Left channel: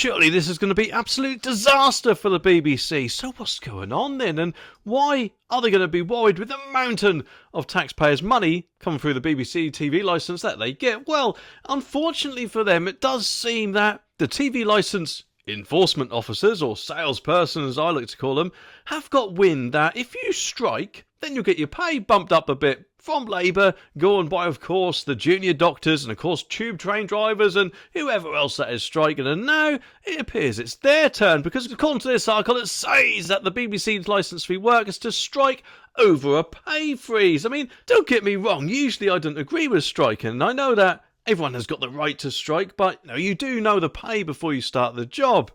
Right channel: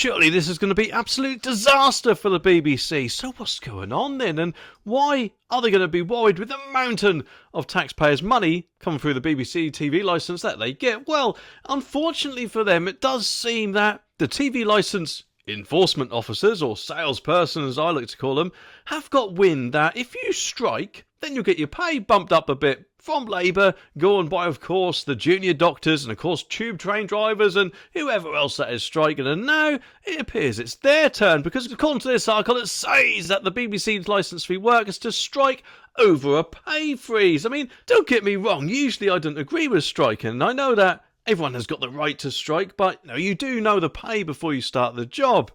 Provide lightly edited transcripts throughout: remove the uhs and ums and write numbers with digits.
surely this is going to be absolute disaster for the BBC. So what's going on then? And why are they going to be worried with the mountain of taxpayers' money coming through the BBC TV licence that they get? Well, unfortunately for them, it does seem that the TV licence enforcement officers, or salespersons as I like to call them, have got wind that if you strike, then you'll get your pay bumped up a bit from Labour, going by, of course, the junior doctors and, of course, tube train drivers and whoever else that is striking. And now it appears it's their turn, because according to this article, it says that the BBC licence fee workers to strike over a pay freeze. I mean, don't get me wrong, usually I don't agree with striking. I know that everyone has got the right to strike, but you do know the pay before you start the job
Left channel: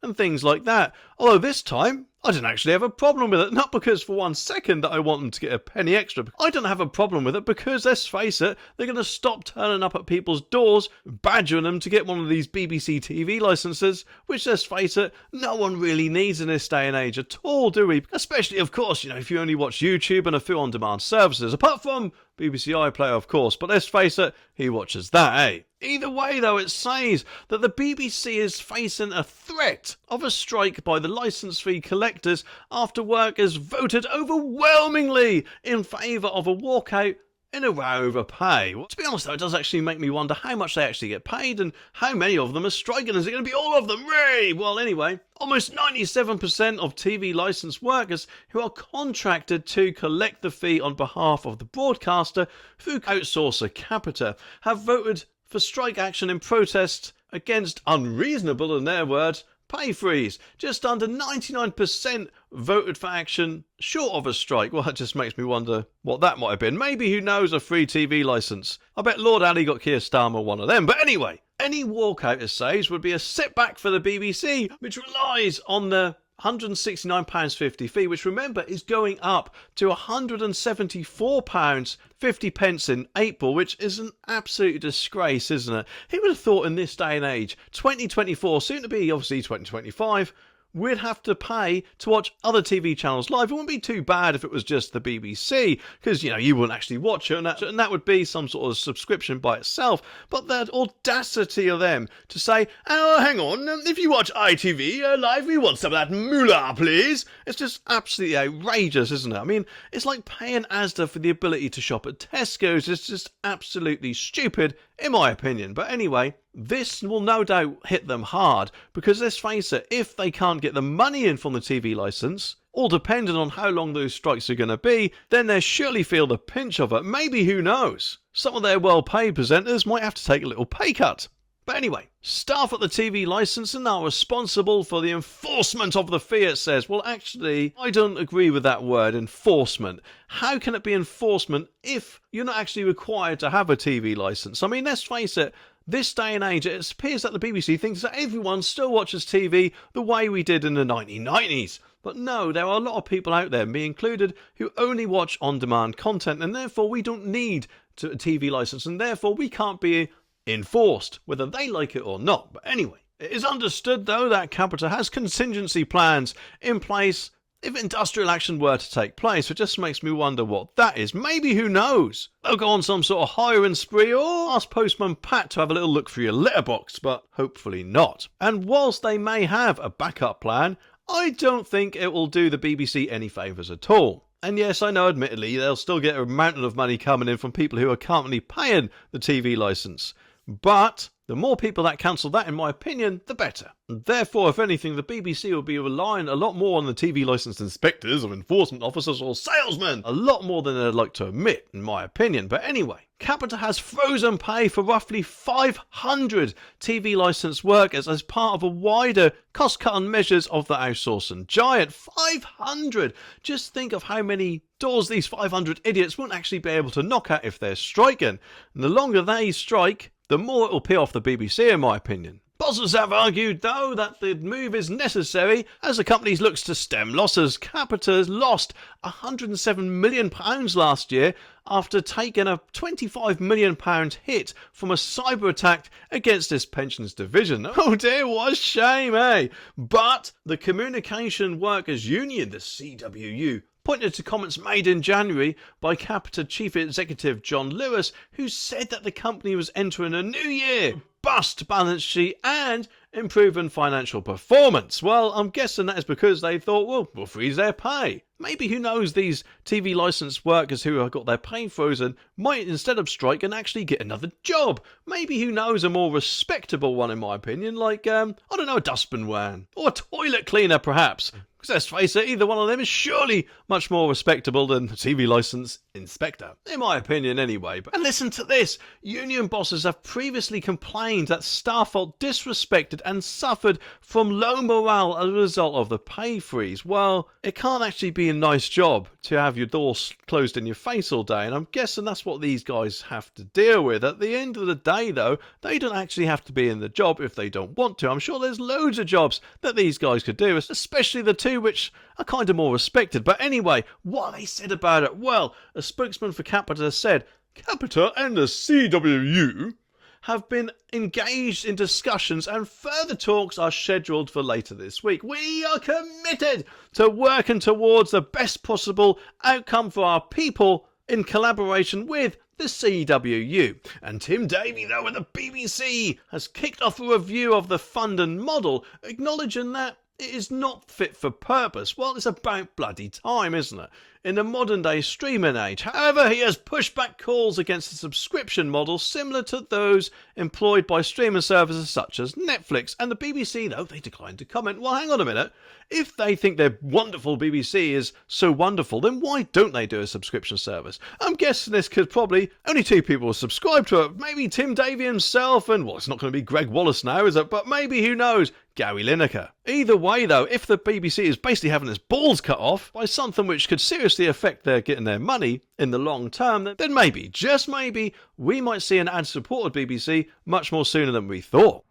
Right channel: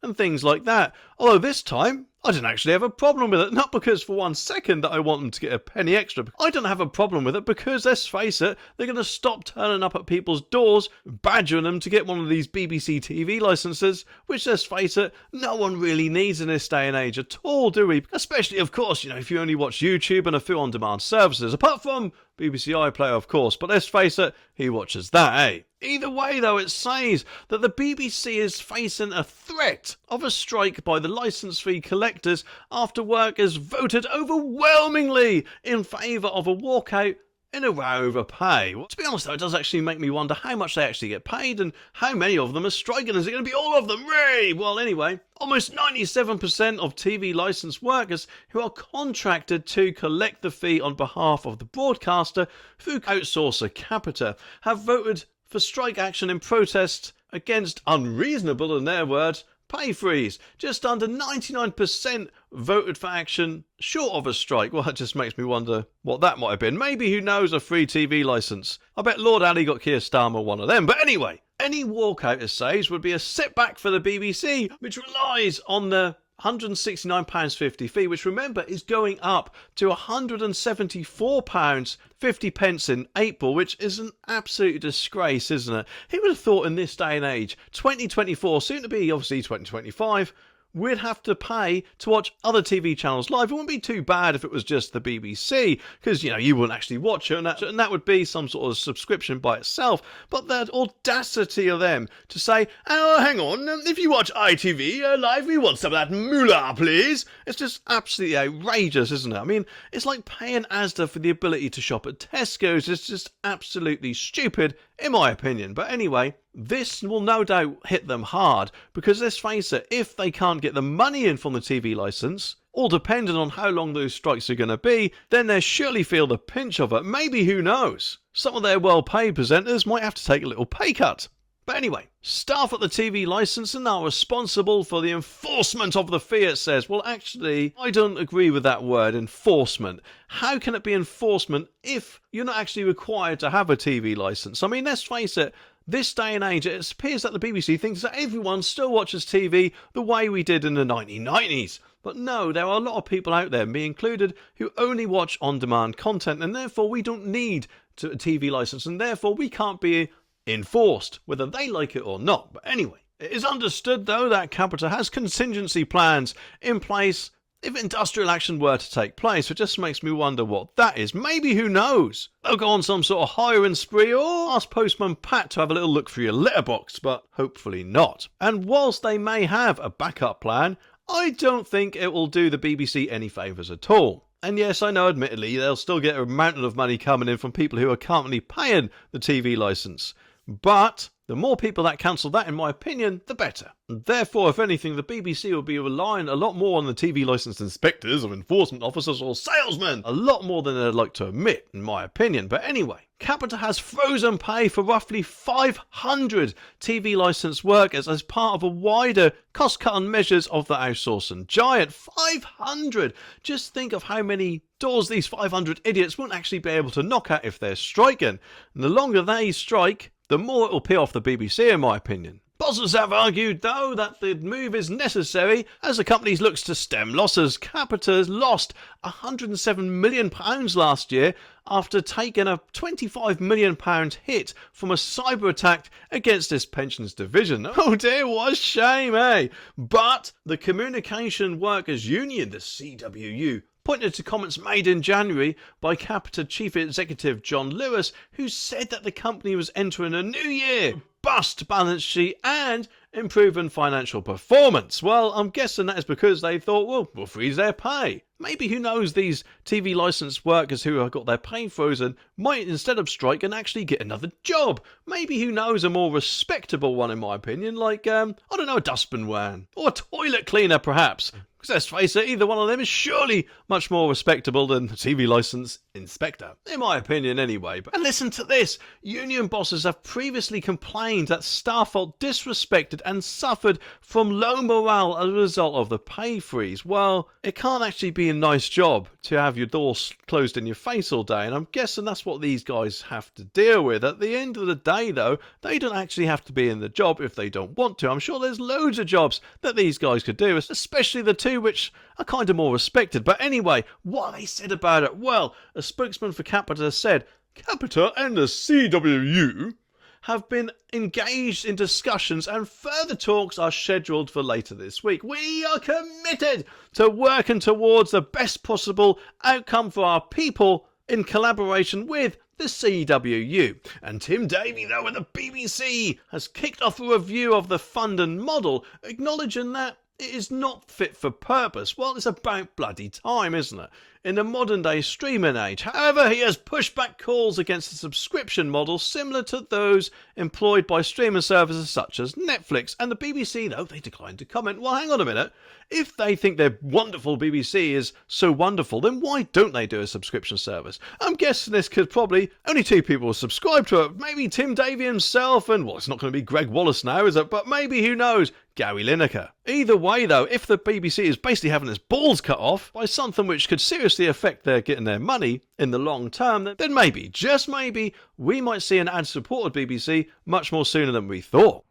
and things like that. Although this time, I don't actually have a problem with it. Not because for 1 second that I want them to get a penny extra. I don't have a problem with it because, let's face it, they're going to stop turning up at people's doors, badgering them to get one of these BBC TV licences, which, let's face it, no one really needs in this day and age at all, do we? Especially, of course, if you only watch YouTube and a few on-demand services, apart from BBC iPlayer, of course, but let's face it, who watches that, eh? Either way, though, it says that the BBC is facing a threat of a strike by the licence fee collectors after workers voted overwhelmingly in favour of a walkout in a row over pay. Well, to be honest, though, it does actually make me wonder how much they actually get paid and how many of them are striking. Is it going to be all of them? Ray? Well, anyway, almost 97% of TV licensed workers who are contracted to collect the fee on behalf of the broadcaster through outsourcer Capita have voted for strike action in protest against unreasonable, in their words, pay freeze. Just under 99% voted for action short of a strike. Well, that just makes me wonder what that might have been. Maybe, who knows, a free TV licence. I bet Lord Ali got Keir Starmer one of them. But anyway, any walkout, it says, would be a setback for the BBC, which relies on the £169.50 fee, which, remember, is going up to £174.50 in April, which is an absolute disgrace, isn't it? Who would have thought in this day and age, 2024, soon to be obviously 2025, we'd have to pay to watch other TV channels live? It wouldn't be too bad if it was just the BBC, because, you wouldn't actually watch it, and that would be some sort of subscription by itself. But the audacity of them to say, oh, hang on, if you watch ITV live, we want some of that moolah, please. It's just absolutely outrageous, isn't it? I mean, it's like paying Asda for the ability to shop at Tesco's. It's just absolutely stupid, in my opinion. But anyway, this will no doubt hit them hard, because let's face it, if they can't get the money in from the TV licence, all depending on how long those strikes are going to be, then they'll surely feel the pinch of it. Maybe, who knows, some of their well-paid presenters might have to take a little pay cut. But anyway, staff at the TV licensing are responsible for the enforcement of the fee, it says. Well, actually, I don't agree with that word, enforcement. How can it be enforcement if you're not actually required to have a TV licence? I mean, let's face it, this day and age, it appears that the BBC thinks that everyone still watches TV the way we did in the 1990s. But no, there are a lot of people out there, me included, who only watch on-demand content, and therefore we don't need a TV licence, and therefore we can't be enforced, whether they like it or not. But anyway, it is understood, though, that Capita has contingency plans in place if industrial action were to take place. It just makes me wonder what that is. Maybe, who knows, they'll go on some sort of hiring spree, or ask Postman Pat to have a little look through your letterbox, but hopefully not. And whilst they may have a backup plan, I don't think it will do the BBC any favours at all. And yes, I know, admittedly, they'll still get a mountain of money coming in from people who are currently paying the TV licence. But the more people that cancel that, in my opinion, the better. And therefore, if anything, the BBC will be relying a lot more on the TV licensed inspectors or enforcement officers or salesmen. A lot more than they'd like to admit, in my opinion. But anyway, Capita has frozen pay for roughly 500 TV licensed workers as part of a wider cost-cutting measures of the outsourcing giant. 500! Just think of how many doors these 500 idiots won't actually be able to knock at if they're striking. And the longer they strike, the more it will pay off the BBC, in my opinion. Bosses have argued, though, that the move is necessary as the company looks to stem losses. Capita lost £107 million last year after taking a £25 million hit from a cyber attack against its pensions division. Oh dear, what a shame, eh? But the Communication Workers Union, the CWU, pointed to comments made in January by Capita Chief Executive John Lewis, who said that the company was entering a new year, robust balance sheet and improving financial performance. Well, I'm guessing that is because they thought, well, we'll freeze their pay. Maybe, who knows, these TV licensed workers who have got their pay frozen might, instead of strike, and actually get another job. Maybe, who knows, a more respectable one, in my opinion, like, I don't know, a dustbin man or a toilet cleaner, perhaps. Because let's face it, either one of them is surely much more respectable than a TV licence inspector. In my opinion, anyway. And listen to this. Union bosses have previously complained that staff felt disrespected and suffered from low morale as a result of the pay freeze. Well, it can't actually be a nice job to have your doors closed in your face all day, and I'm guessing that's what these guys have to deal with. At the end of the day, though, they don't actually have to be in the job if they don't want to. I'm sure there's loads of jobs that these guys could do, especially the two which are kind of more respected. But anyway, what they said about it? Well, a spokesman for Capita said, Capita and the CWU have been engaged in discussions and further talks are scheduled for later this week. We are committed to working towards the best possible outcome for our people in collaboration with the CWU. And Tim Davie, though, at the BBC has kicked off a review of the fund and model, acknowledging that it is not fit for purpose. Well, it's about bloody time, isn't it? In the modern day streaming age. However, he has pushed back calls against the subscription model similar to those employed by streaming services such as Netflix. And the BBC, though, they declined to comment. Well, hang on a minute. If they think their wonderful BBC is so wonderful, then why don't they do a subscription service? I'm guessing this could probably only two people will subscribe to it. Maybe Tim Davie himself and, well, it's not going to be Greg Wallace now, is it? But maybe, who knows, Gary Lineker. Either way, though, if the BBC is basically having its balls cut off by something which could seriously affect their getting their money in the long term, then maybe, just maybe, we might see an ad-supported BBC much more sooner than we thought.